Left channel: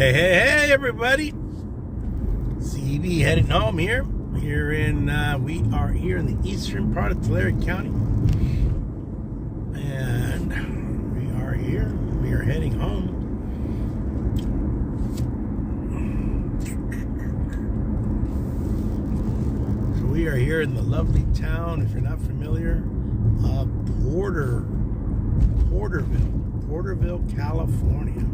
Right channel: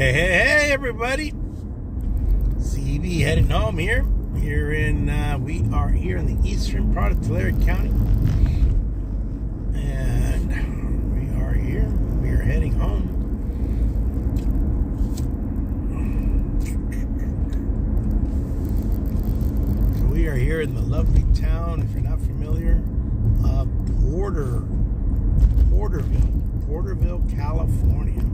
Hey, everybody. CB heading home here. We are here in the eastern part of Tulare County. And we are here. We are heading home. So we are here in the lovely town, if you're not familiar, of Porterville, California.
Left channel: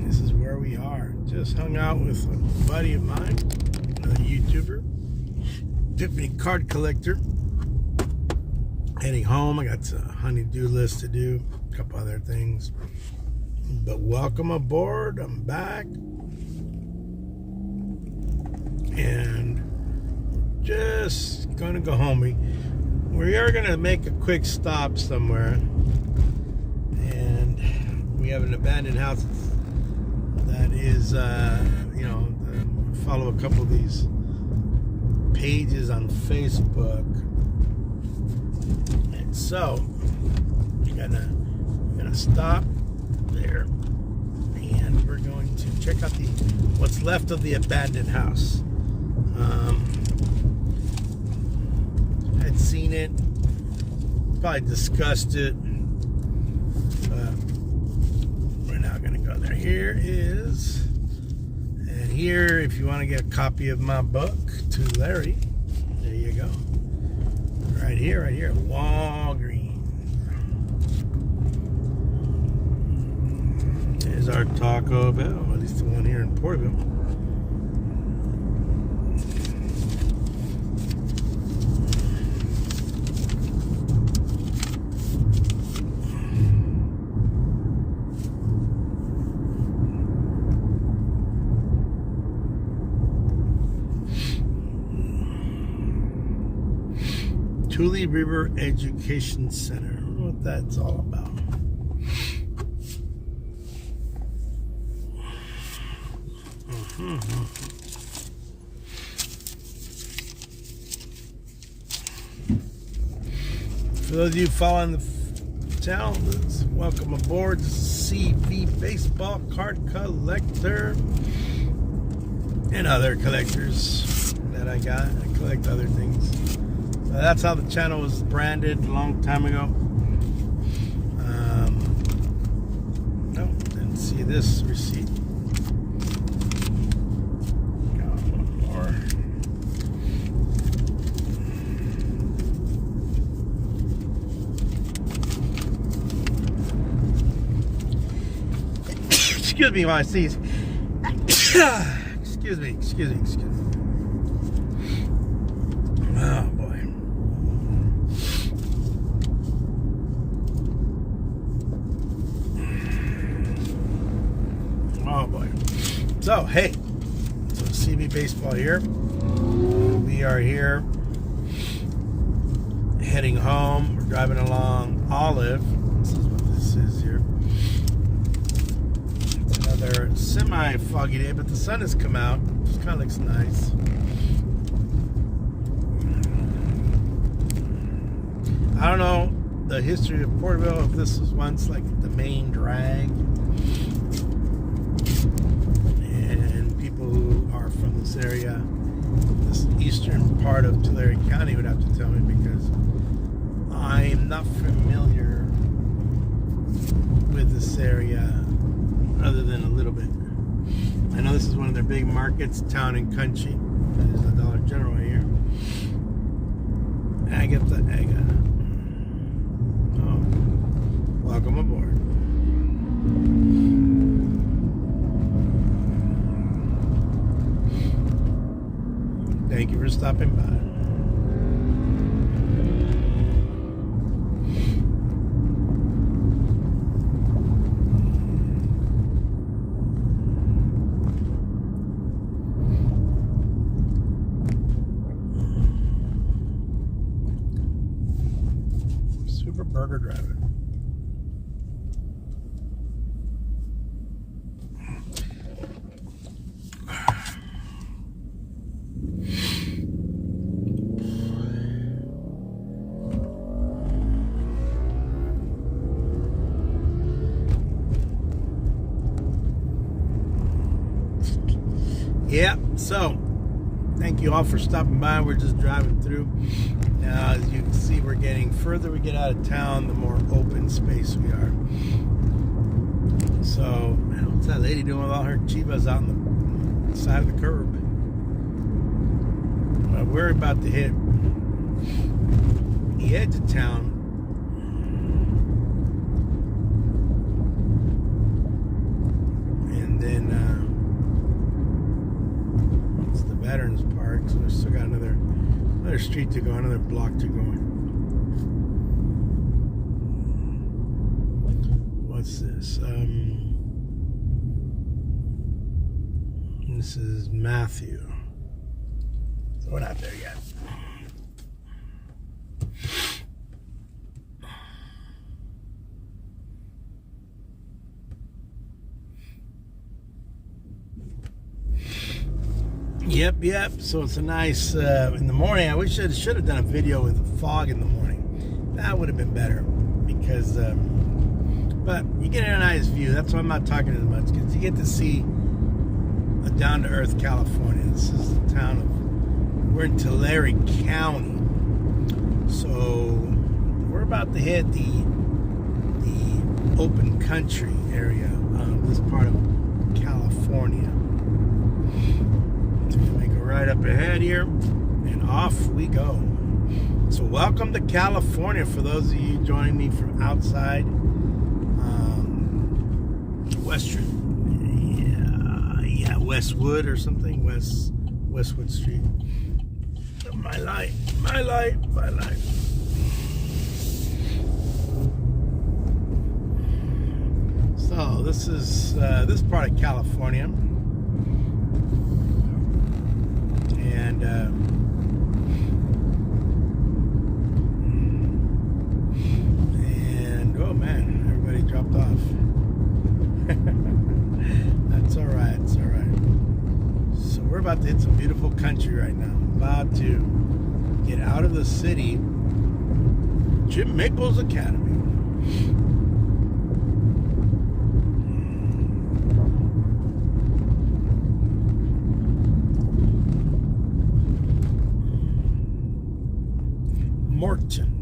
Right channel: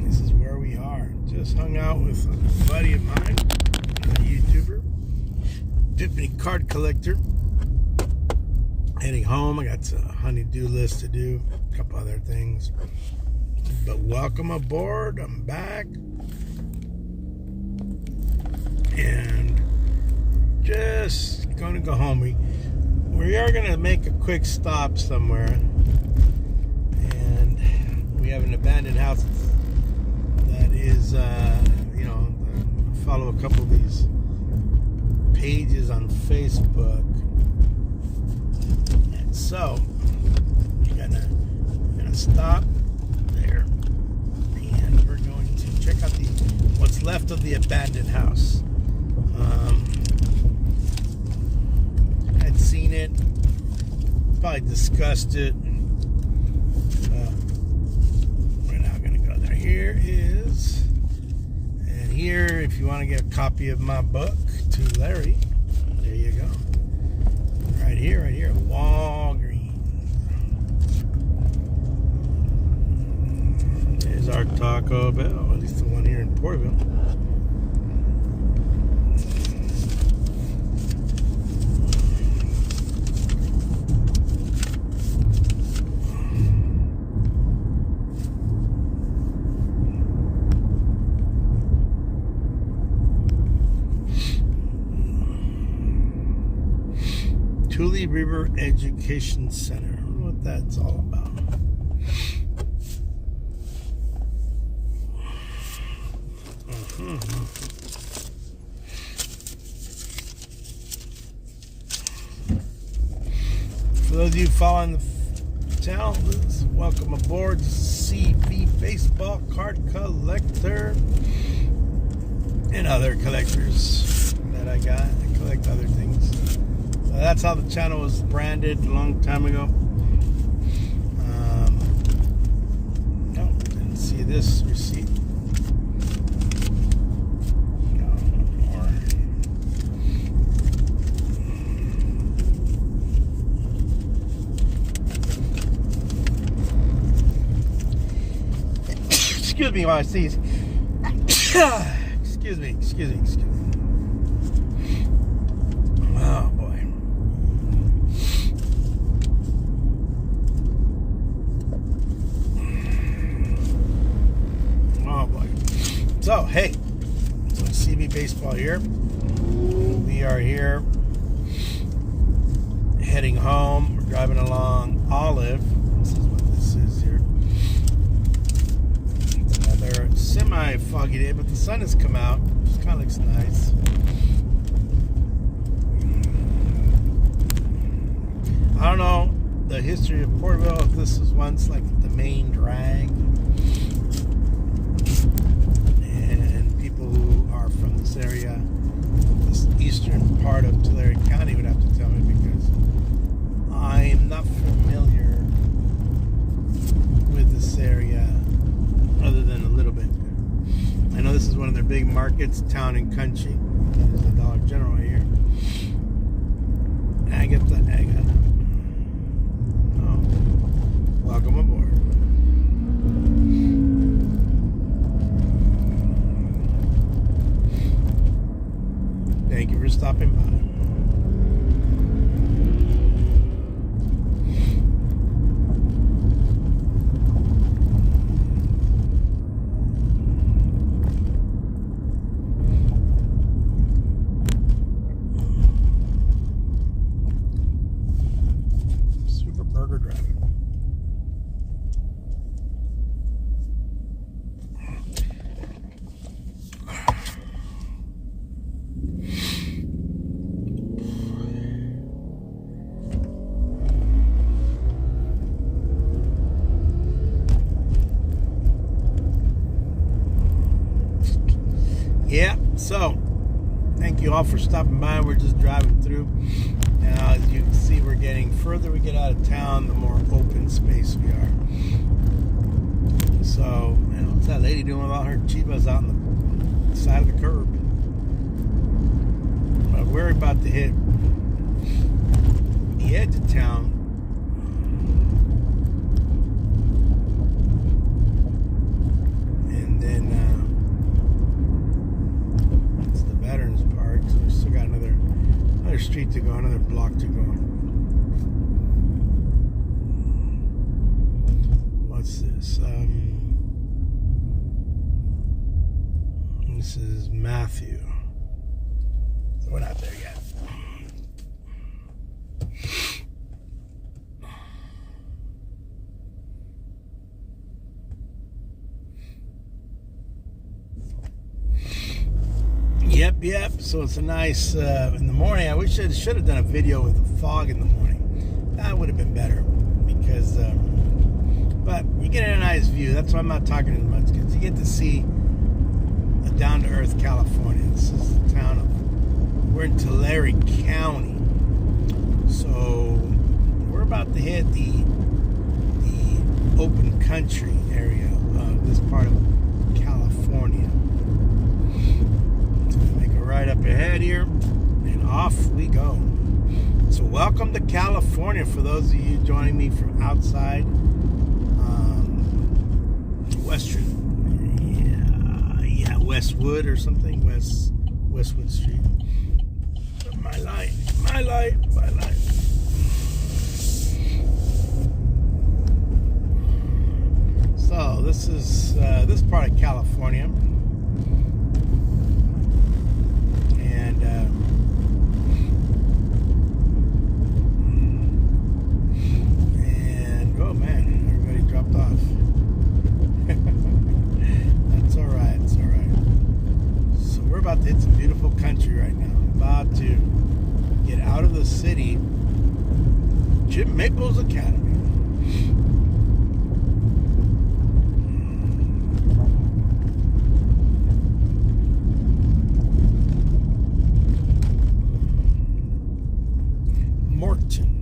This is where we are. Just hung out with a buddy of mine, a YouTuber, Tiffany card collector. Heading home. I got a honey-do list to do, a couple other things. But welcome aboard. I'm back. And just gonna go home. We are gonna make a quick stop somewhere. And we have an abandoned house that is, follow a couple of these pages on Facebook. And so, we're gonna stop there, and we're going to check out what's left of the abandoned house. I'd seen it, probably discussed it, but we're not gonna go there. Here, if you want to get a copy of my book to Larry, there you go. Right here, Walgreens. There's our Taco Bell, at least the one here in Porterville. Tule River Education Center. I don't know what that's all about. For those of you following the channel, welcome aboard. CB Baseball Card Collector and other collectors that I got. I collect other things. That's how the channel was branded a long time ago. No, didn't see this receipt. Got one more. Excuse me while I sneeze. Excuse me. Oh boy. So, hey, CB Baseball here. We are here heading home. We're driving along Olive. This is what this is here. It's another semi-foggy day, but the sun has come out, which kind of looks nice. I don't know the history of Porterville, if this was once like the main drag. People who are from this area, this eastern part of Tulare County, would have to tell me, because I'm not familiar with this area other than a little bit. I know this is one of their big markets, Town and Country. That is the Dollar General here. Agatha. Oh, welcome aboard. Thank you for stopping by. Super Burger Driver. Yeah, so thank you all for stopping by. We're just driving through. Now, as you can see, we're getting further we get out of town, the more open space we are. So, man, what's that lady doing with all her chivas out on the side of the curb? But we're about to hit the edge of town. And then it's the Veterans Park, so we still got another street to go, another block to go. What's this? This is Matthew. So we're not there yet. Yep. So it's a nice in the morning. I wish I should have done a video with the fog in the morning. That would have been better because, but you get a nice view. That's why I'm not talking as much, because you get to see a down-to-earth California. This is the town of, we're in Tulare County. So we're about to hit the open country area of this part of California. Make a right up ahead here, and off we go. So welcome to California for those of you joining me from outside Westwood or something, Westwood Street. My light. So this is this part of California. And oh man, everybody dropped off. That's all right. It's all right. So we're about to hit some beautiful country right now. About to get out of the city. Jim Maples Academy. Morton.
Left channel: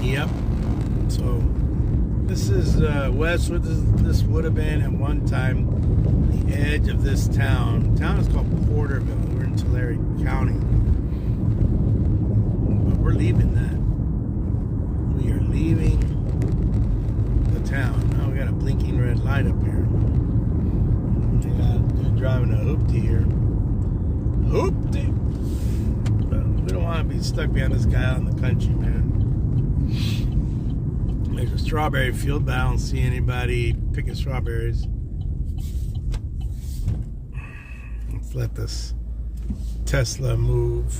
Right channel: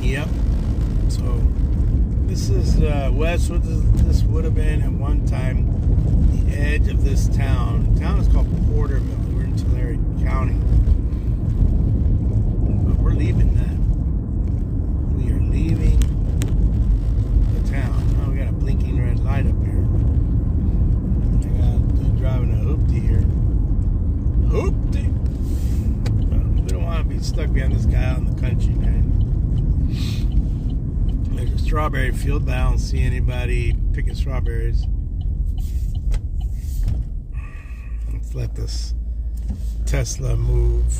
Yep. So this is Westwood. This would have been at one time the edge of this town. The town is called Porterville. We're in Tulare County. But we're leaving that. We are leaving the town. Now we got a blinking red light up here. They're driving a hoopty here. Hoopty! But we don't want to be stuck behind this guy out in the country, man. There's a strawberry field, but I don't see anybody picking strawberries. Let's let this Tesla move.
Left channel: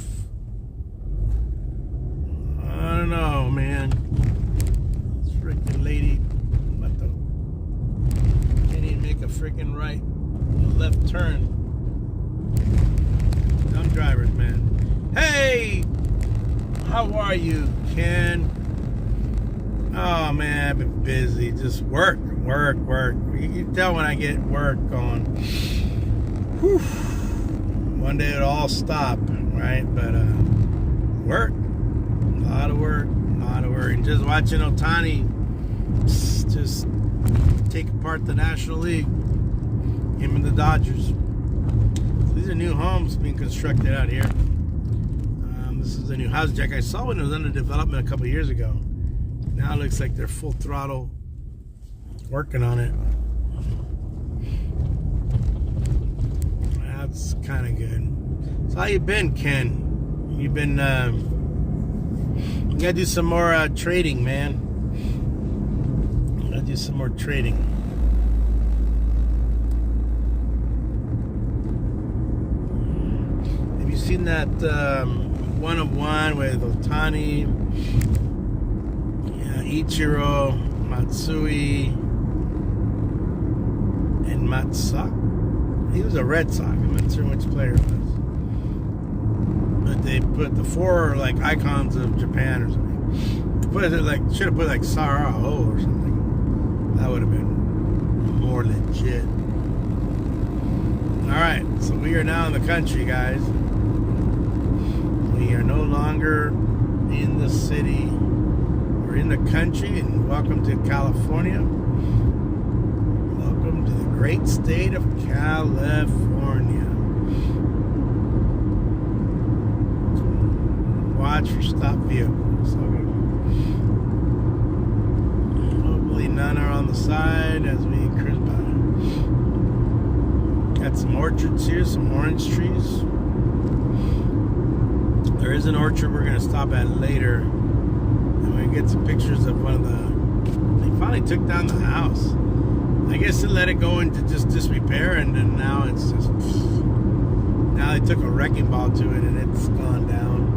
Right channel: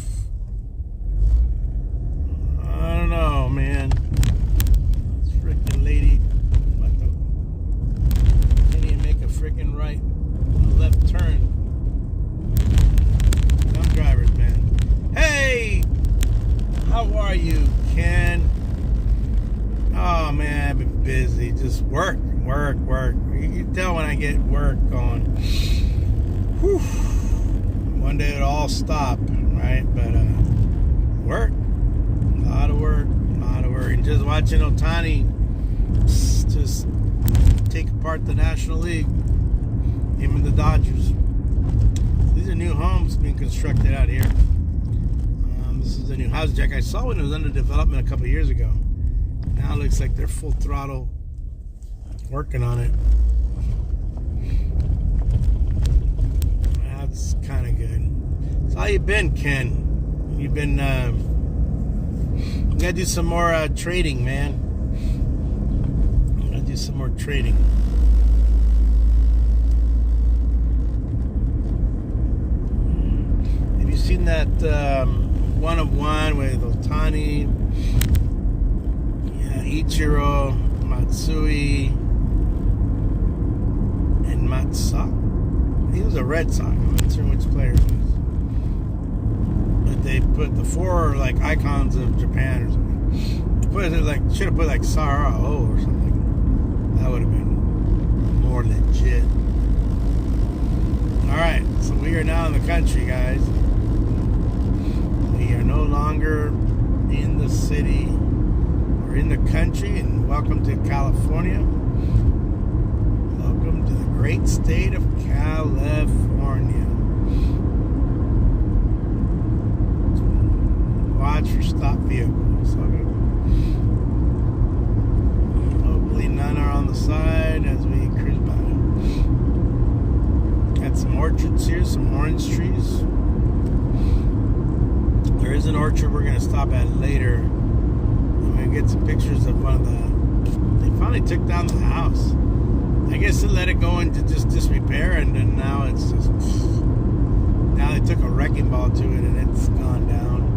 I don't know, man. This freaking lady, what the? Can't even make a freaking right, left turn. Dumb drivers, man. Hey, how are you, Ken? Oh man, I've been busy. Just work. You can tell when I get work going. Whew. One day it'll all stop, right? But work, a lot of work. And just watching Ohtani just take apart the National League, him and the Dodgers. These are new homes being constructed out here. This is a new house jack. I saw when it was under development a couple years ago. Now it looks like they're full throttle working on it. That's kind of good. So how you been, Ken? You've been, you gotta do some more trading, man. Gotta do some more trading. Have you seen that 1-of-1 with Ohtani, Ichiro, Matsui, Matt Sock. He was a Red Sox. I'm not sure which player it was. But they put the 4 like icons of Japan or something. Put it like, should have put like Sarao or something. That would have been more legit. Alright, so we are now in the country, guys. We are no longer in the city. We're in the country, and welcome to California. Welcome to the great state of California. Watch for stopped vehicles. Okay. Hopefully none are on the side as we cruise by. Got some orchards here, some orange trees. There is an orchard we're going to stop at later. And we get some pictures of one of the... They finally took down the house. I guess they let it go into just disrepair, and then now it's just... Now they took a wrecking ball to it and it's gone down.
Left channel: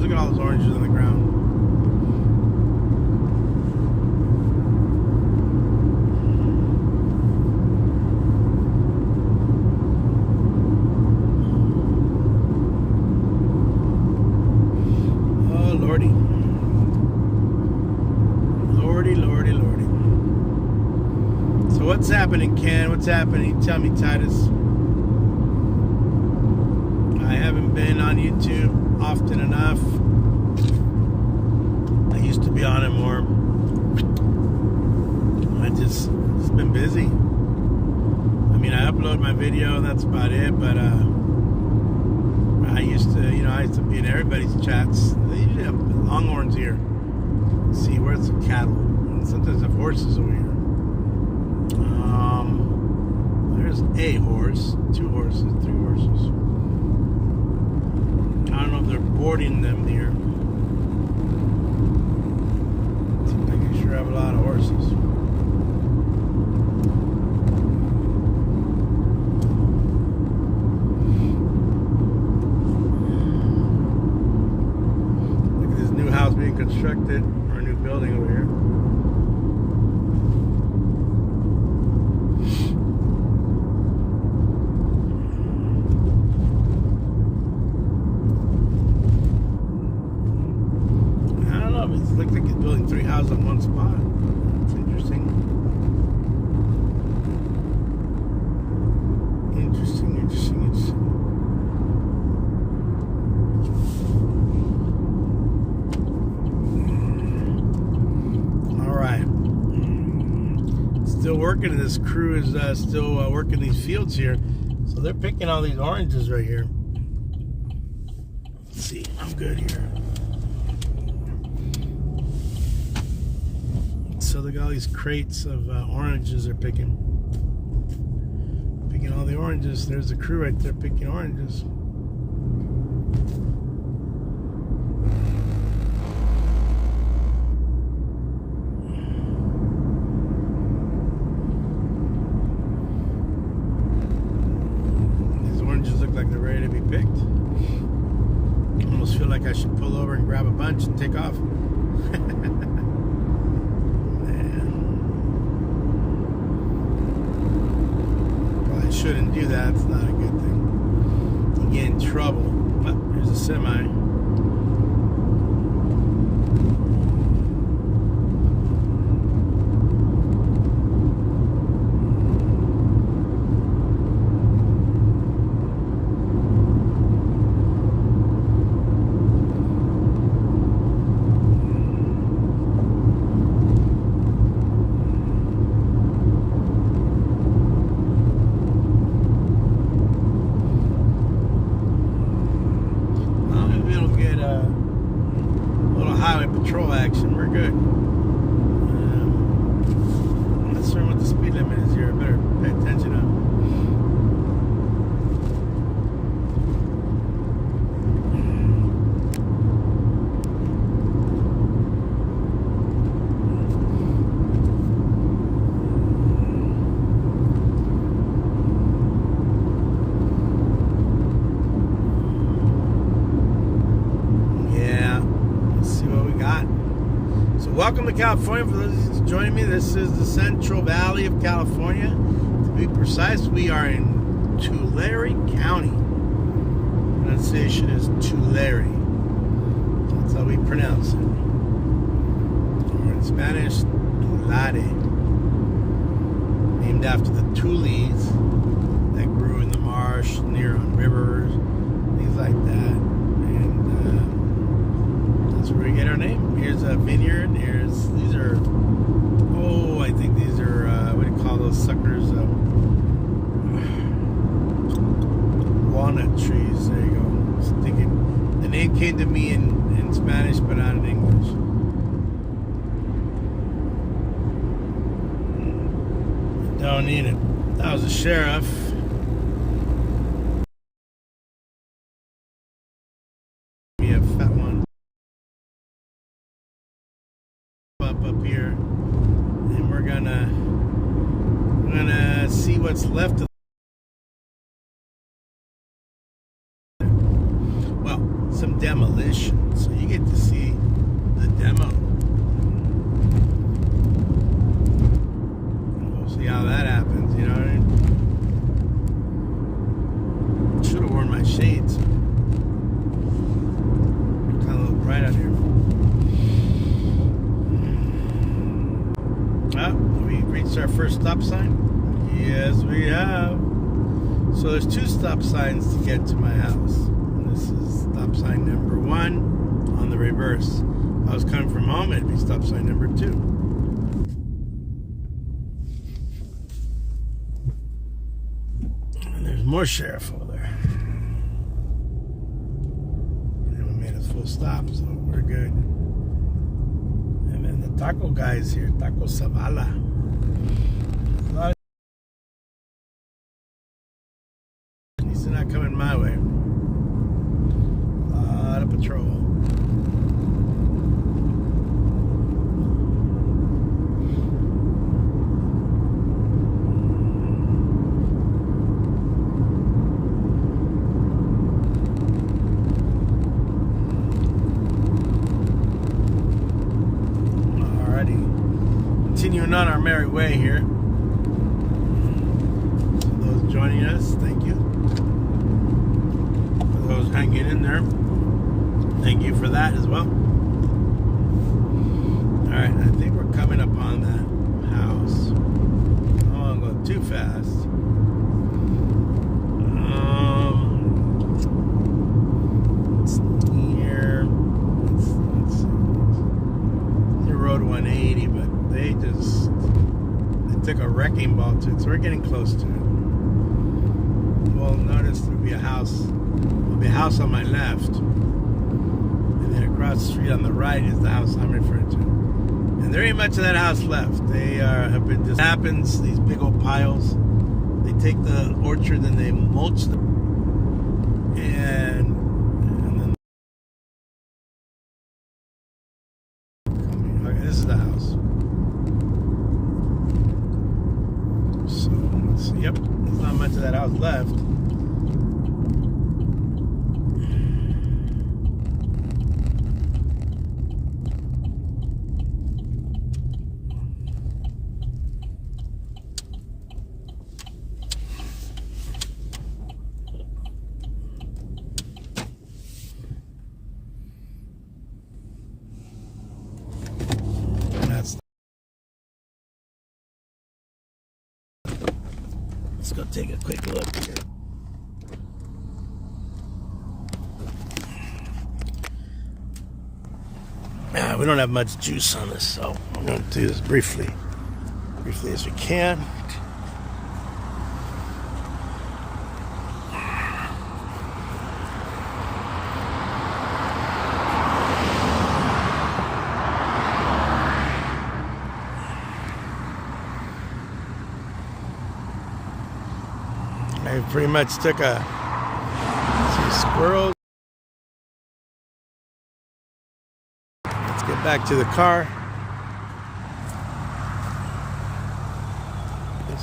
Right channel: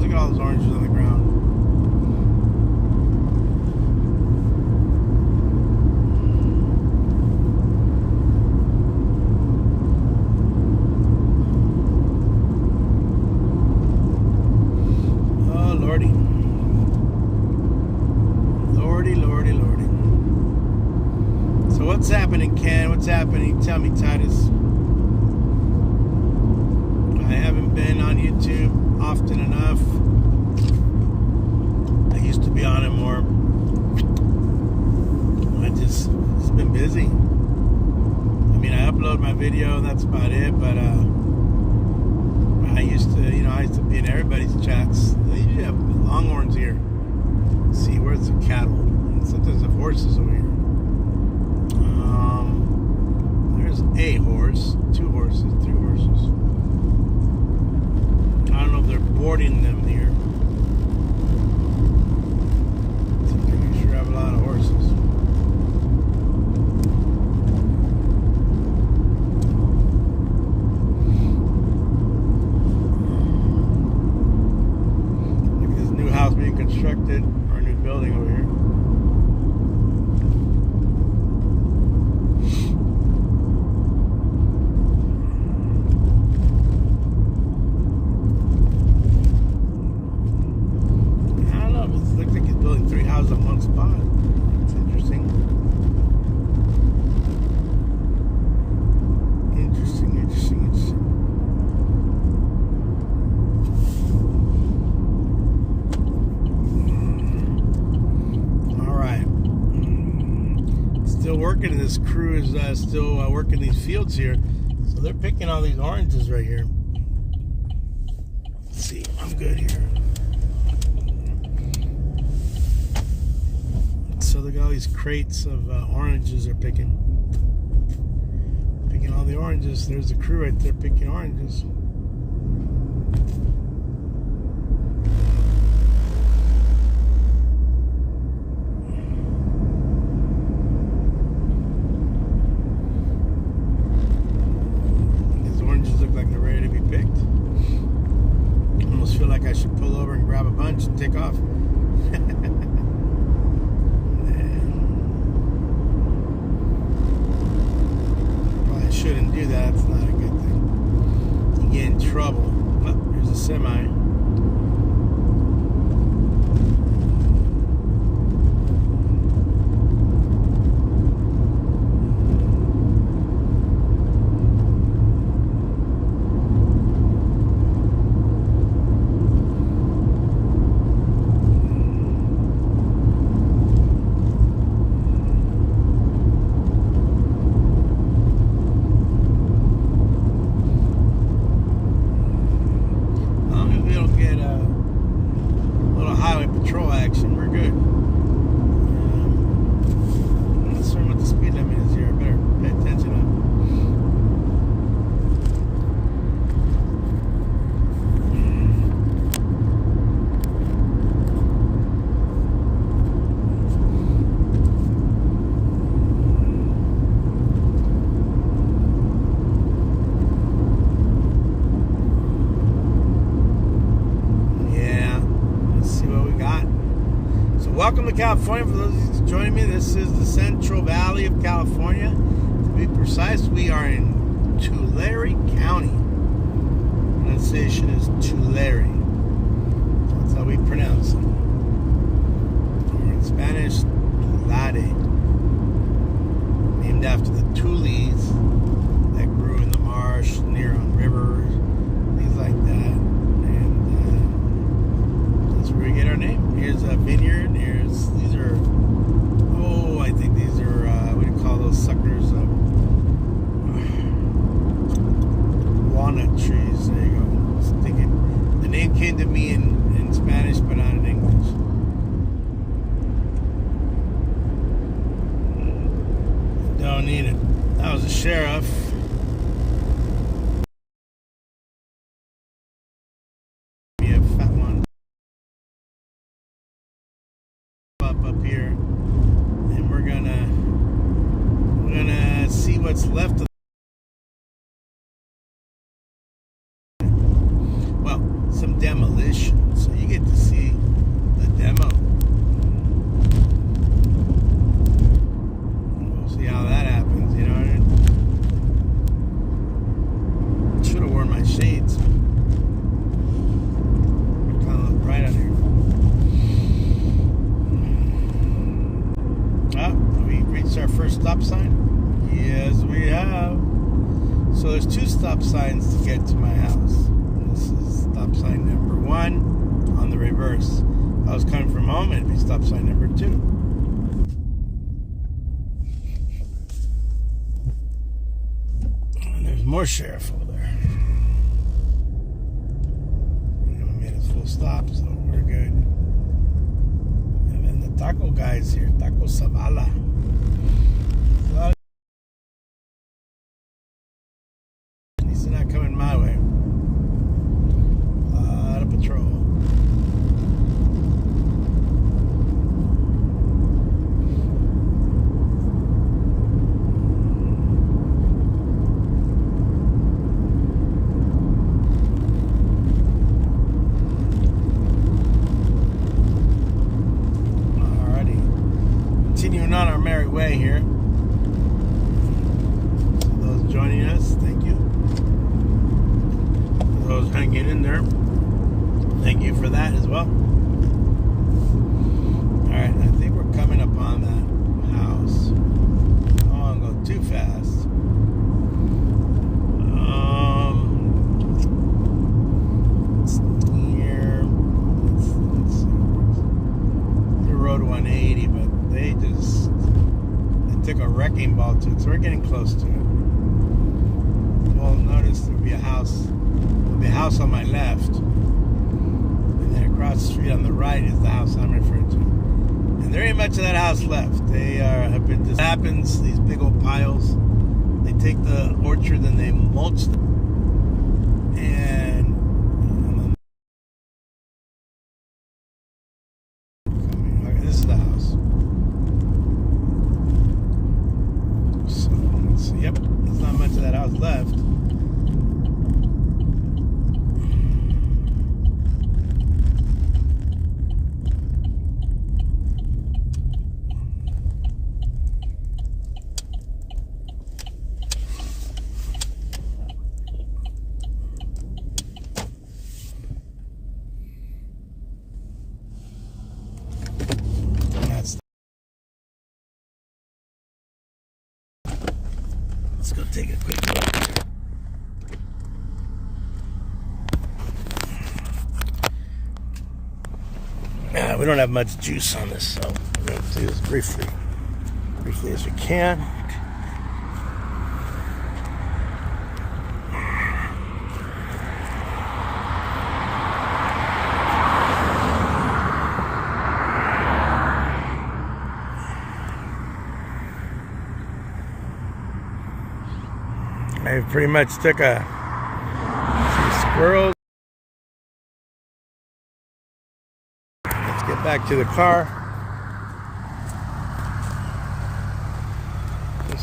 Look at all those oranges on the ground. Oh, Lordy. Lordy, Lordy, Lordy. So what's happening, Ken? What's happening? Tell me, Titus. I haven't been on YouTube often enough. I used to be on it more. It's been busy. I mean, I upload my video and that's about it, but I used to be in everybody's chats. They usually have longhorns here. Let's see, where's the cattle? And sometimes they have horses over here. There's a horse, 2 horses, 3 horses. I don't know if they're boarding them here. I sure have a lot of horses. Look at this new house being constructed, or a new building over here. Looks like he's building 3 houses on one spot. It's interesting. Interesting. All right. Still working. This crew is still working these fields here. So they're picking all these oranges right here. Let's see. I'm good here. So look at all these crates of oranges they're picking. Picking all the oranges. There's the crew right there picking oranges. These oranges look like they're ready to be picked. I almost feel like I should pull over and grab a bunch and take off. Shouldn't do that. It's not a good thing. You get in trouble. Oh, here's a semi. welcome to California. For those of you joining me, this is the Central Valley of California. To be precise, we are in Tulare County. Pronunciation is Tulare. That's how we pronounce it. Or in Spanish, Tulare. Named after the tules that grew in the marsh near on rivers, things like that. That's where we get our name. Here's a vineyard. These are, I think these are, what do you call those suckers? Walnut trees. There you go. I was thinking, the name came to me in Spanish, but not in English. Don't need it. That was a sheriff. Be a fat one. Up here, and we're gonna see what's left of. Well, some demolition, so you get to see the demo. We'll see how that happens. You know what I mean? Should have worn my shades. It's kind of look bright out here. We reached our first stop sign. Yes, we have. So there's 2 stop signs to get to my house. This is stop sign number 1 on the reverse. If I was coming from home, it'd be stop sign number 2. And there's more sheriff over there. And we made a full stop, so we're good. Taco guys here, Taco Zavala. Well, at least they're not coming my way. Out of patrol. Continuing on our merry way here. So those joining us, thank you. For those hanging in there, thank you for that as well. Alright, I think we're coming upon that house. I don't want to go too fast. It's near, let's see. Near Road 180, but they took a wrecking ball to it, so we're getting close to it. Well, notice there'll be a house on my left, and then across the street on the right is the house I'm referring to. And there ain't much of that house left. They have been. This happens. These big old piles. They take the orchard and they mulch them, and then okay, this is the house. Yep, there's not much of that house left. Let's go take a quick look here. We don't have much juice on this, so I'm going to do this briefly as we can. I pretty much took some squirrels. Let's get back to the car.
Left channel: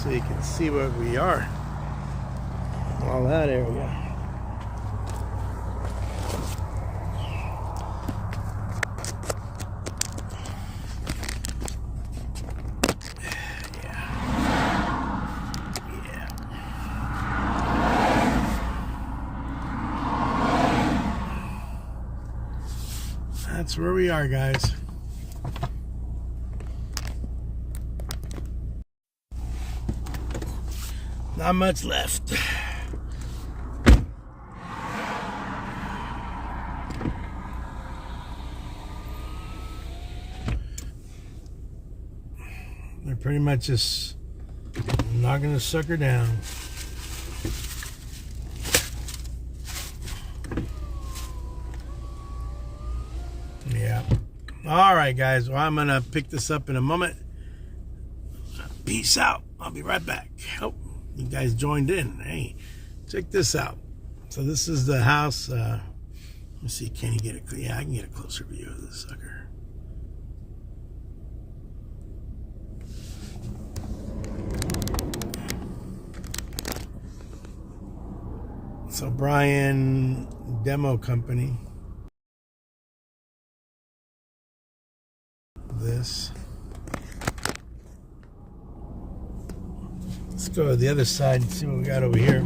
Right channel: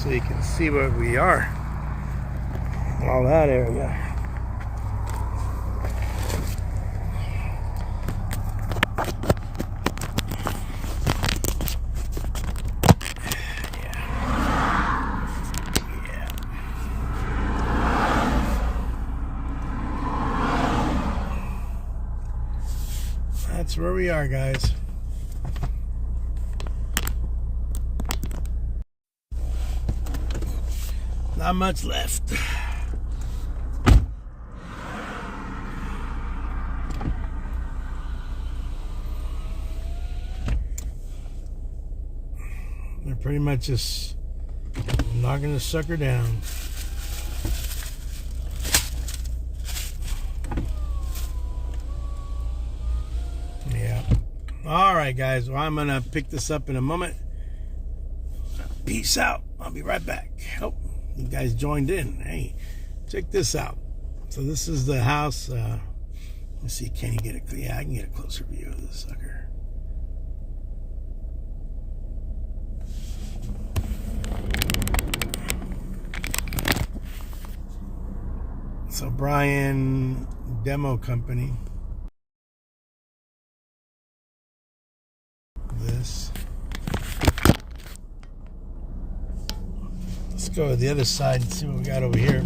So you can see where we are. All that area. That's where we are, guys. Not much left. They're pretty much just knocking the sucker down. Yeah. All right, guys. Well, I'm going to pick this up in a moment. Peace out. I'll be right back. Oh, you guys joined in. Hey, check this out. So this is the house. Let me see. Can you get a... Yeah, I can get a closer view of this sucker. So Brian Demo Company. This. Let's go to the other side and see what we got over here.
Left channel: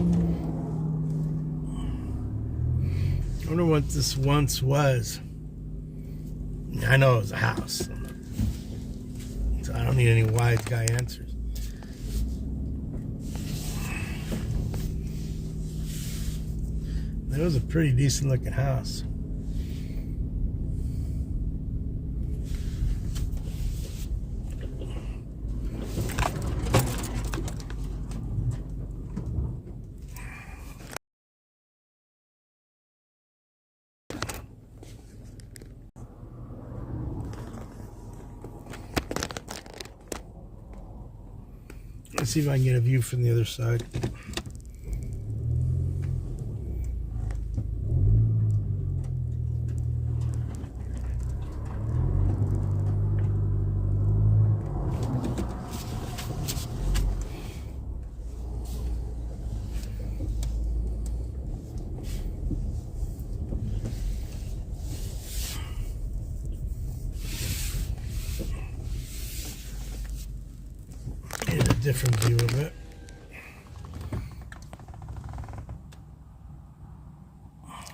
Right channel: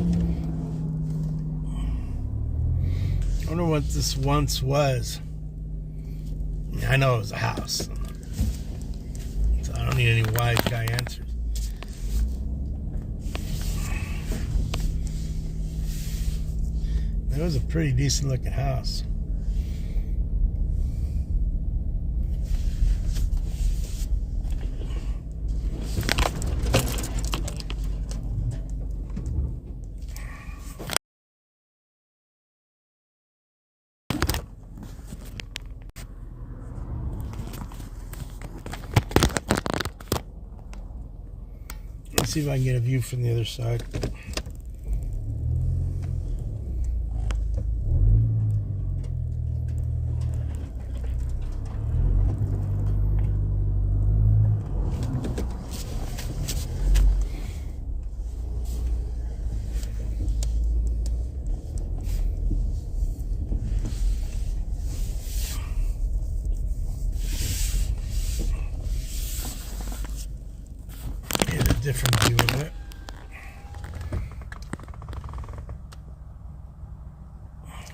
I wonder what this once was. I know it was a house, so I don't need any wise guy answers. It was a pretty decent looking house. Let's see if I can get a view from the other side. Different view of it.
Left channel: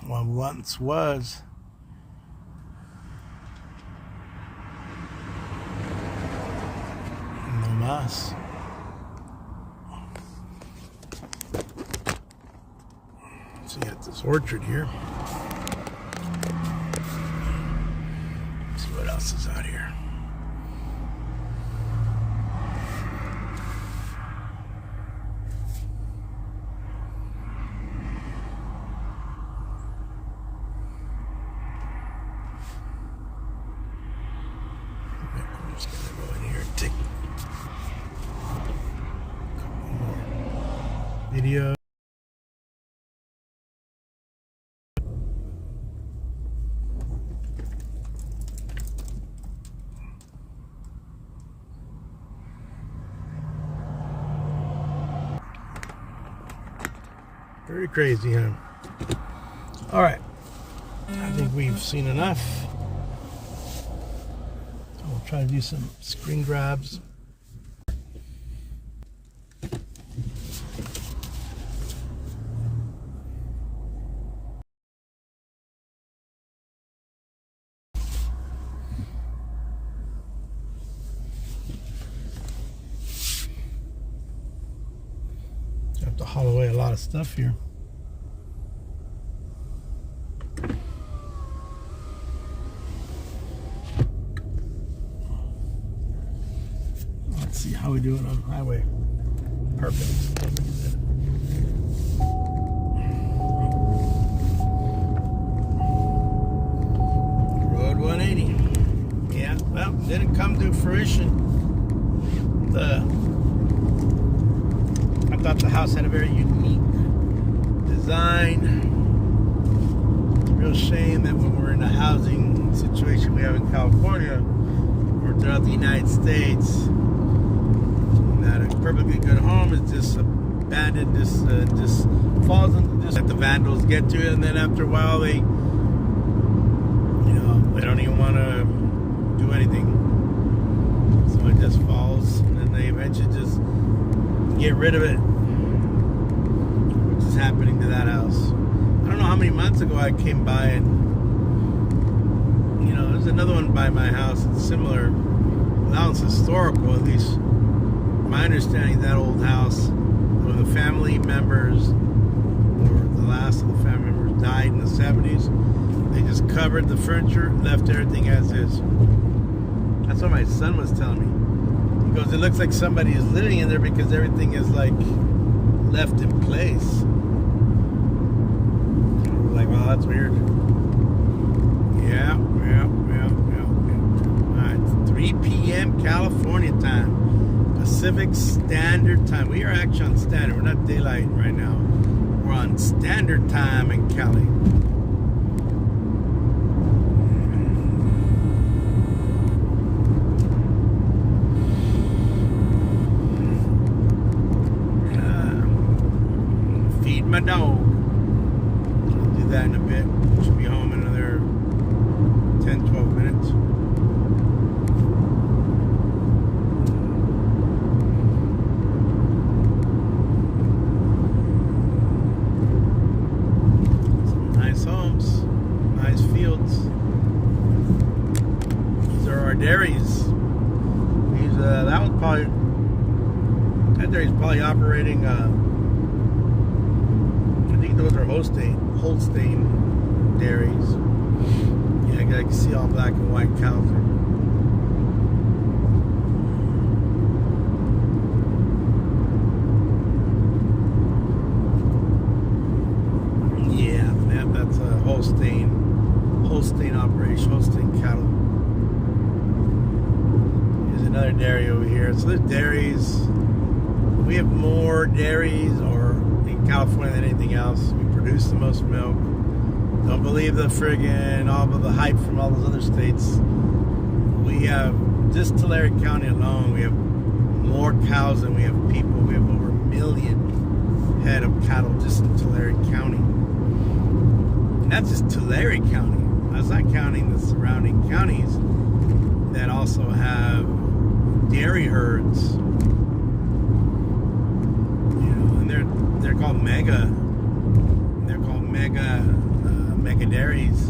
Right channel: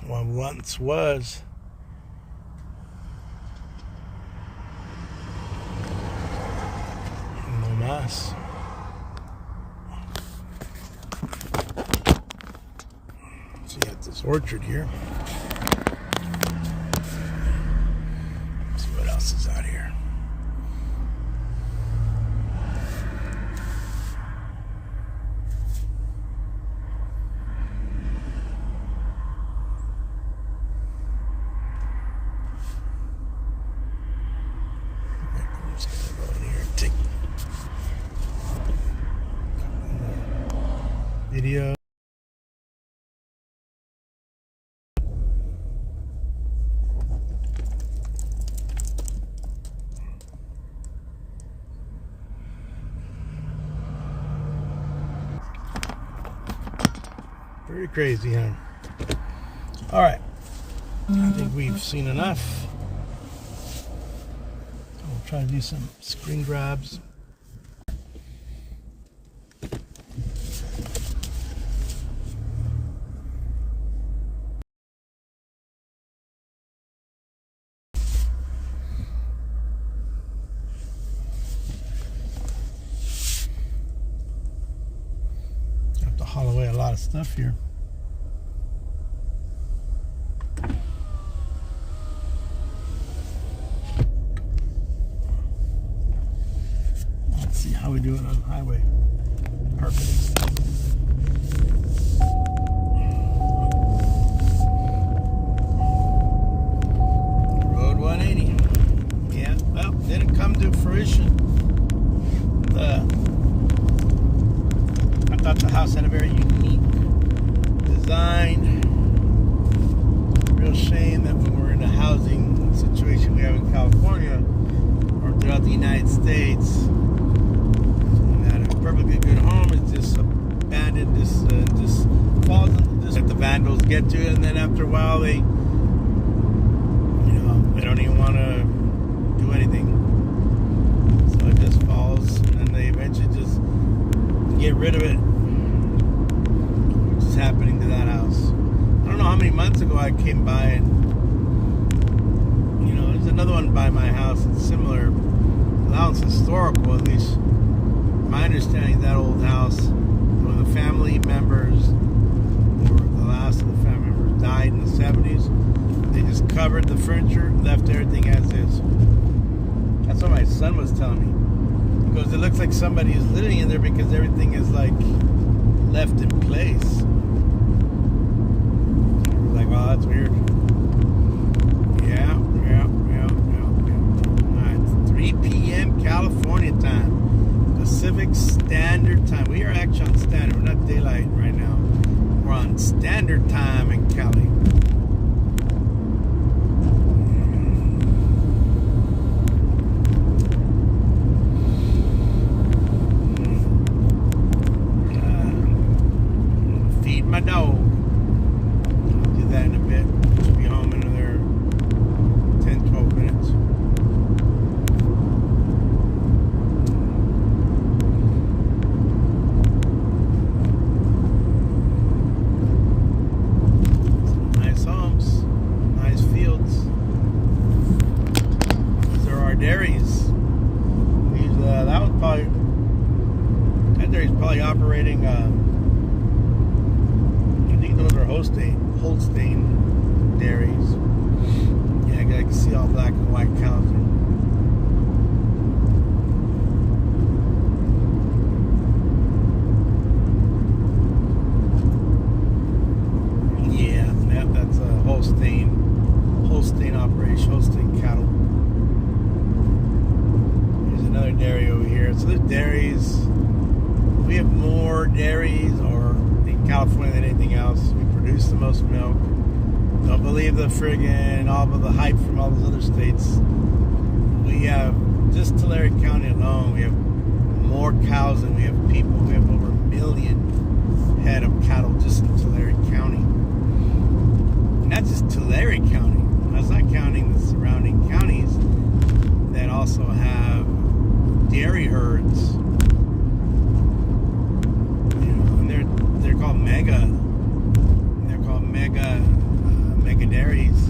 Well, once was no mas. So you got this orchard here. Let's see what else is out here. Video. Pretty crazy, huh? All right. I think we've seen enough. We'll try to do some screen grabs. Have to haul away a lot of stuff here. Let's see how we do it on the highway. Perfect. Road 180. Yeah, well, didn't come to fruition. I thought the house had a very unique design. Real shame that when we're in a housing situation we have in California or throughout the United States, that a perfectly good home is just abandoned, just falls into just let the vandals get to it, and then after a while they don't even want to do anything, so it just falls, and then they eventually just get rid of it, which is happening to that house. I don't know how many months ago I came by and There's another one by my house. It's similar. That one's historical, at least. My understanding, that old house, when the family members, or the last of the family members, died in the 70s, they just covered the furniture, left everything as is. That's what my son was telling me. He goes, it looks like somebody is living in there because everything is like left in place. I was like, wow, that's weird. Yeah. All right, 3 p.m. California time. Pacific Standard Time. We are actually on standard. We're not daylight right now. We're on standard time in Cali. Feed my dog. I'll do that in a bit. Should be home in another 10-12 minutes. Dairies. That was probably, that dairy's probably operating. I think those are Holstein dairies. Yeah, I can see all black and white cows there. Yeah, that's a Holstein operation, Holstein cattle. Another dairy over here. So there's dairies. We have more dairies in California than anything else. We produce the most milk. Don't believe the friggin' all of the hype from all those other states. We have, just Tulare County alone, we have more cows than we have people. We have over 1 million head of cattle just in Tulare County. And that's just Tulare County. That's not counting the surrounding counties that also have dairy herds, and they're called mega. They're called mega dairies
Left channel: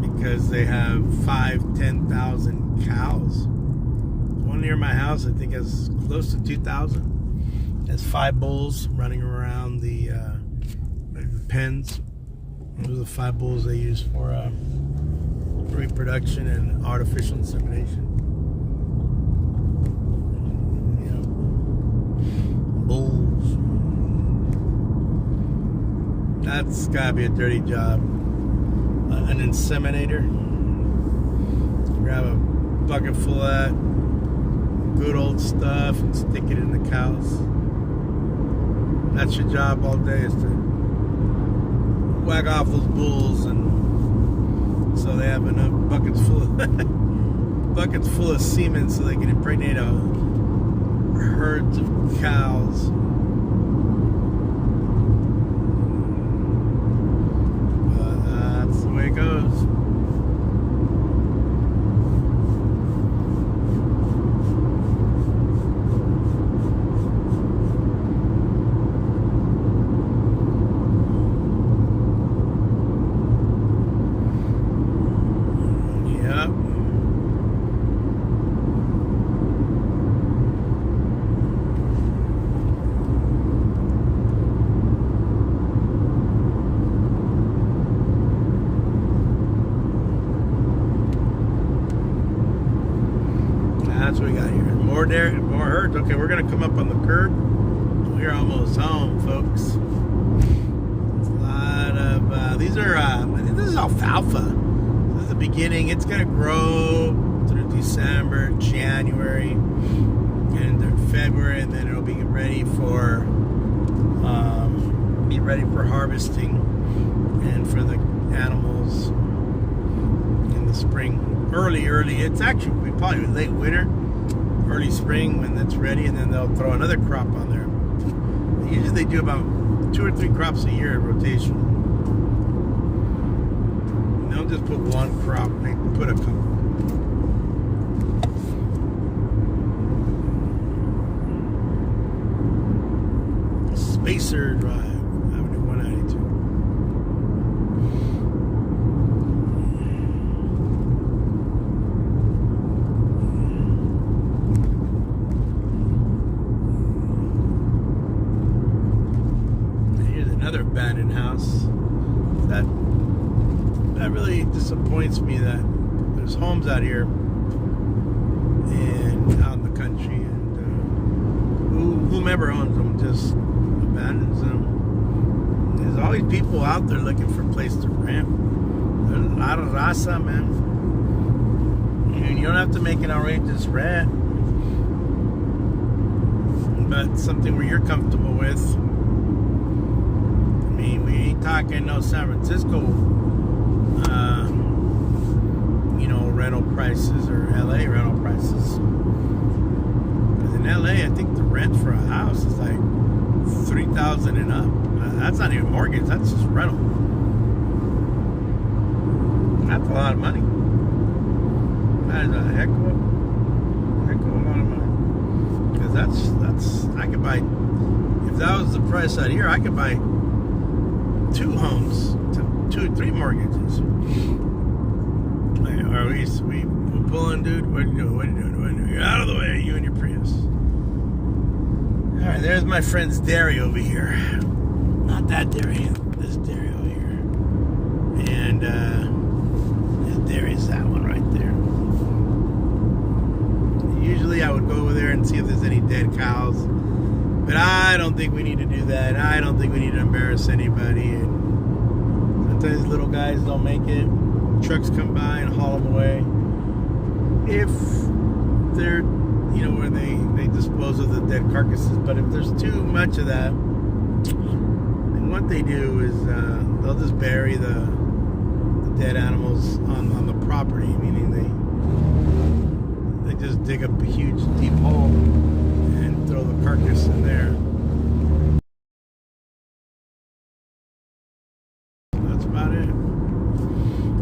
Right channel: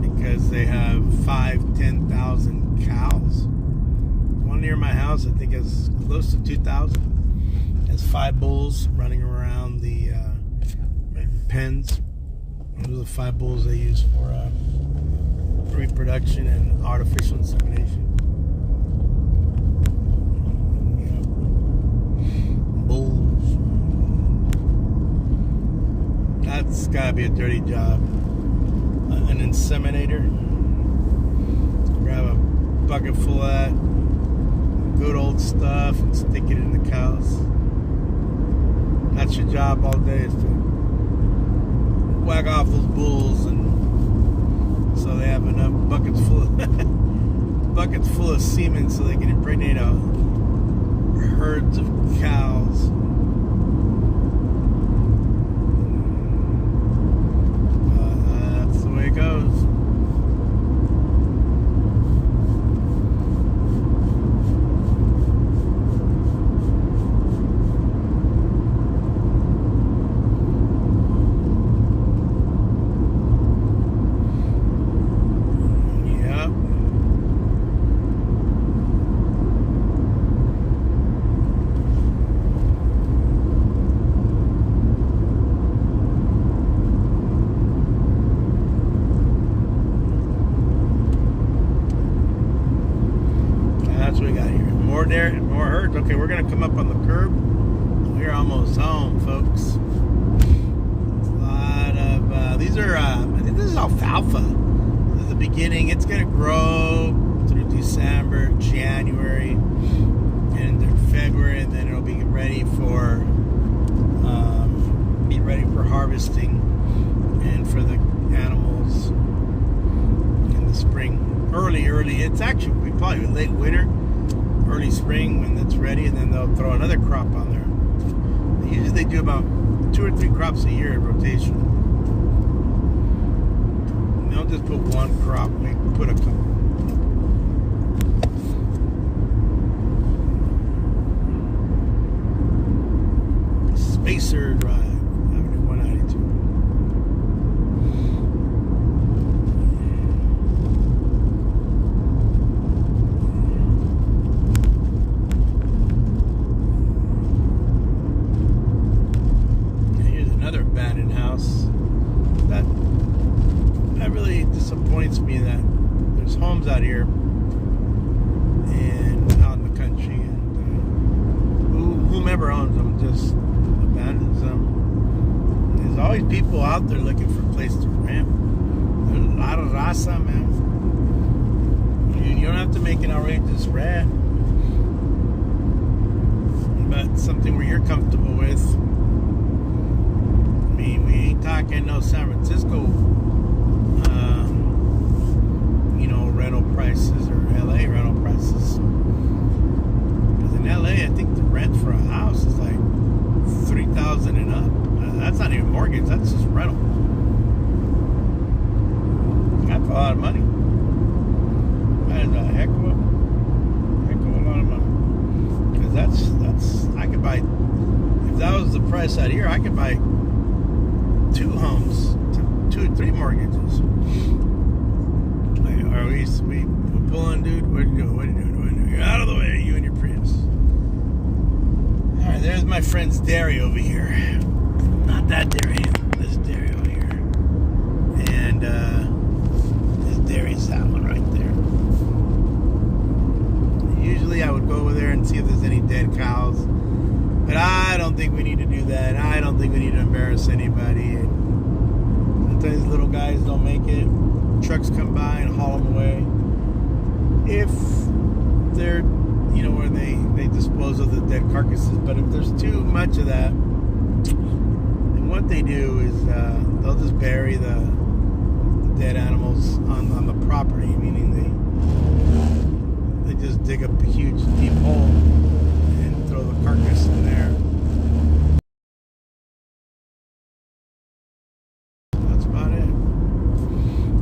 because they have 5,000-10,000 cows. One near my house, I think, has close to 2,000. Has 5 bulls running around the pens. Those are the 5 bulls they use for reproduction and artificial insemination. Bulls. That's gotta be a dirty job. An inseminator. Grab a bucket full of that good old stuff and stick it in the cows. That's your job all day, is to whack off those bulls, and so they have enough buckets full of semen so they can impregnate herds of cows. That's the way it goes. That's what we got here. More herds. Okay, we're gonna come up on the curb. We're almost home, folks. It's a lot of these are. I think this is alfalfa. This is the beginning. It's gonna grow through December, January, and then February, and then it'll be ready for harvesting and for the animals in the spring. Early. It's actually probably late winter, early spring when it's ready, and then they'll throw another crop on there. Usually they do about 2 or 3 crops a year in rotation. And they'll just put one crop, and they put a couple. Spacer Drive, Avenue 192. abandoned house. That really disappoints me that there's homes out here and out in the country, and whomever owns them just abandons them. There's always people out there looking for a place to rent. There's a lot of raza, man. You don't have to make an outrageous rent, but something where you're comfortable with. I mean, we ain't talking no San Francisco, rental prices or LA rental prices. Because in LA, I think the rent for a house is like $3,000 and up. That's not even mortgage. That's just rental. That's a lot of money. That is a heck of a lot of money. Because that's I could buy, if that was the price out here, I could buy 2 homes, 2 or 3 mortgages. Are we pulling, dude? What are you doing? You're out of the way, you and your Prius. All right, there's my friend's dairy over here. Not that dairy, this dairy over here. And this dairy is that one right there. Usually I would go over there and see if there's any dead cows, but I don't think we need to do that. I don't think we need to embarrass anybody. And sometimes these little guys don't make it. Trucks come by and haul them away. If they're, where they dispose of the dead carcasses. But if there's too much of that, then what they do is they'll just bury the dead animals on the property, meaning they just dig up a huge deep hole and throw the carcass in there. That's about it.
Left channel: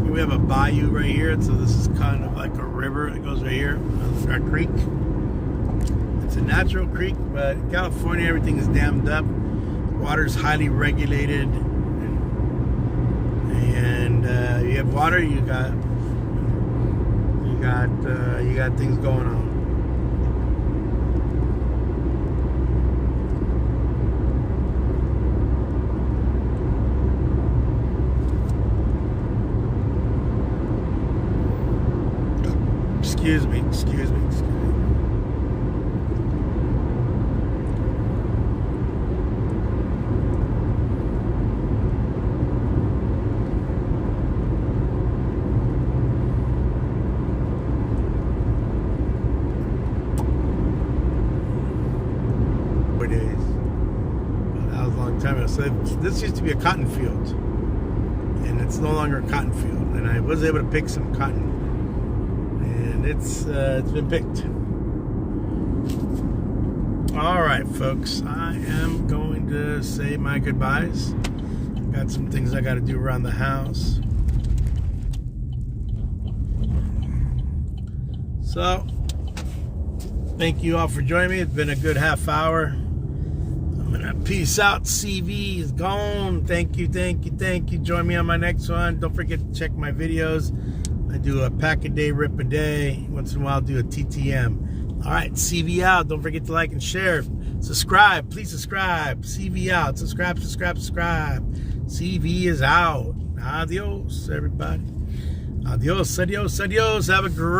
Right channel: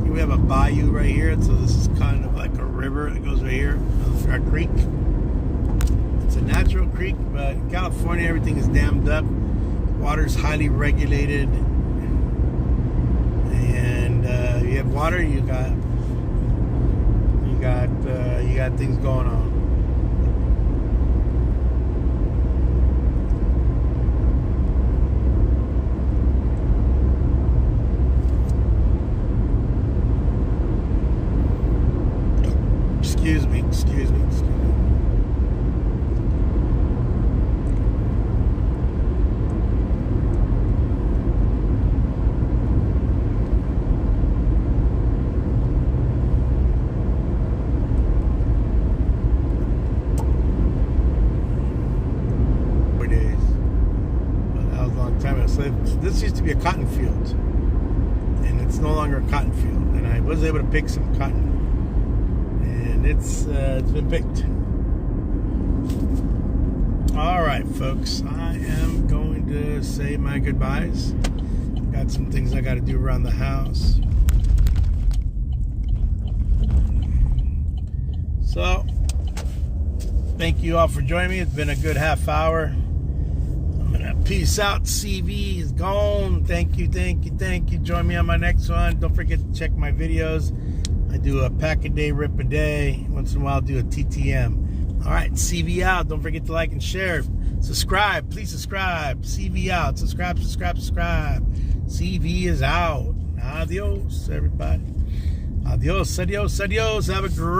We have a bayou right here, so this is kind of like a river that goes right here, a creek. It's a natural creek, but in California everything is dammed up. Water's highly regulated, and you have water, you got things going on. Excuse me. Days. Well, that was a long time ago. So this used to be a cotton field, and it's no longer a cotton field. And I was able to pick some cotton, and it's been picked. All right, folks, I am going to say my goodbyes. Got some things I got to do around the house. So, thank you all for joining me. It's been a good half hour. I'm gonna peace out. CV is gone. Thank you. Join me on my next one. Don't forget to check my videos. I do a pack a day, rip a day. Once in a while, I'll do a TTM. All right, CV out. Don't forget to like and share. Subscribe. Please subscribe. CV out. Subscribe. CV is out. Adios, everybody. Adios. Have a great